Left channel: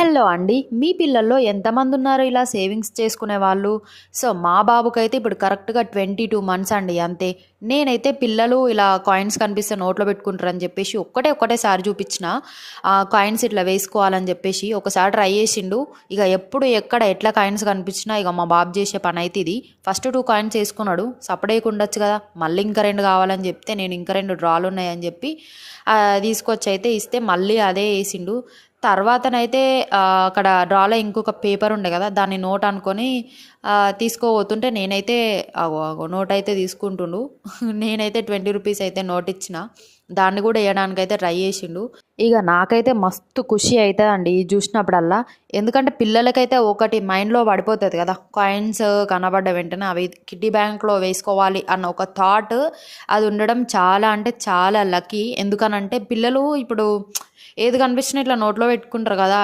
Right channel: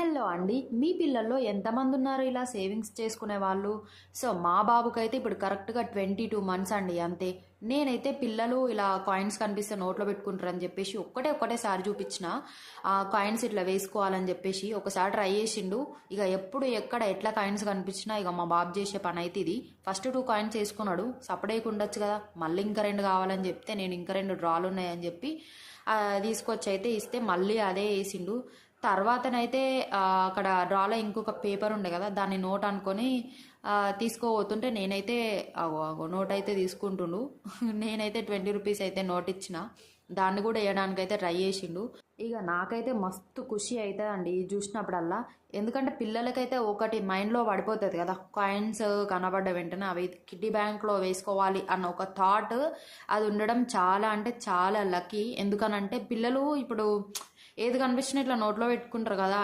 Hello అండి. మీ పిల్లల్లో ఎంతమంది ఉన్నారు ఇలా సేవింగ్స్ చేసుకునే వాళ్ళు? సో, మా బాబుకైతే ఇప్పుడు కరెక్ట్‌గా 22 మంత్స్ అండి అంతే. నేనైతే పిల్లలు ఇలా కాయిన్స్ కనిపిస్తే నోట్లో పెట్టుకుంటారని చెప్పేసి ఒకటేసారి చూపించిన. కాయిన్స్ ఇట్లా వేసుకోవాలని చెప్పేసి ఒకసారి ట్రై చేసిండు. ఇక ఎప్పుడు ఎక్కడ ఎట్లా కాయిన్స్ కనిపించినా ఇక మా బాబు చేసే పనైతే ఇది. ఫస్ట్ 2 కాయిన్స్ వేసుకున్నాడు. సపరేట్‌గా ఉండొచ్చు కదా! మళ్ళీ ఇంకా 2 కావాలని చెప్తే నేను ఇంకా 2 డ్రాలున్నాయని చెప్పి తీసుకొచ్చైతే ఇస్తే మళ్ళీ అదే ఏసిండు. తర్వాతనైతే అక్కడ డ్రాలో ఇంకొక పేపర్ ఉండే కదా! దాన్ని నోట్ అనుకోని తీసుకోబోతుంటే నేనైతే అగో అగో నోటయితే తీసుకుంటుండు. నేనైతే 20 రూపీస్ అయితే నోట్ ఇచ్చిన. దాన్ని కూడా ఎయడానికైతే ట్రై చేసిండు. ఇగ నాకైతే మస్తు ఖుషి అయితదండి ఇది చూసినప్పుడల్లా. ఎందుకంటే పిల్లలకైతే ఒకటి మైండ్‌లో పడిపోతది కదా! కాయిన్స్ కనబడ్డ వెంటనే అవి కిడ్డీ బ్యాంక్‌లో వేసుకోవాలి అన్న ఒక థాట్ అది ఉండడం చాలా అంటే చాలా లక్కీ. ఎందుకనంటే పిల్లలు ఇప్పుడు ఏది కనిపించినా ఇట్లా నోట్లో పెట్టుకుంటారు కదా!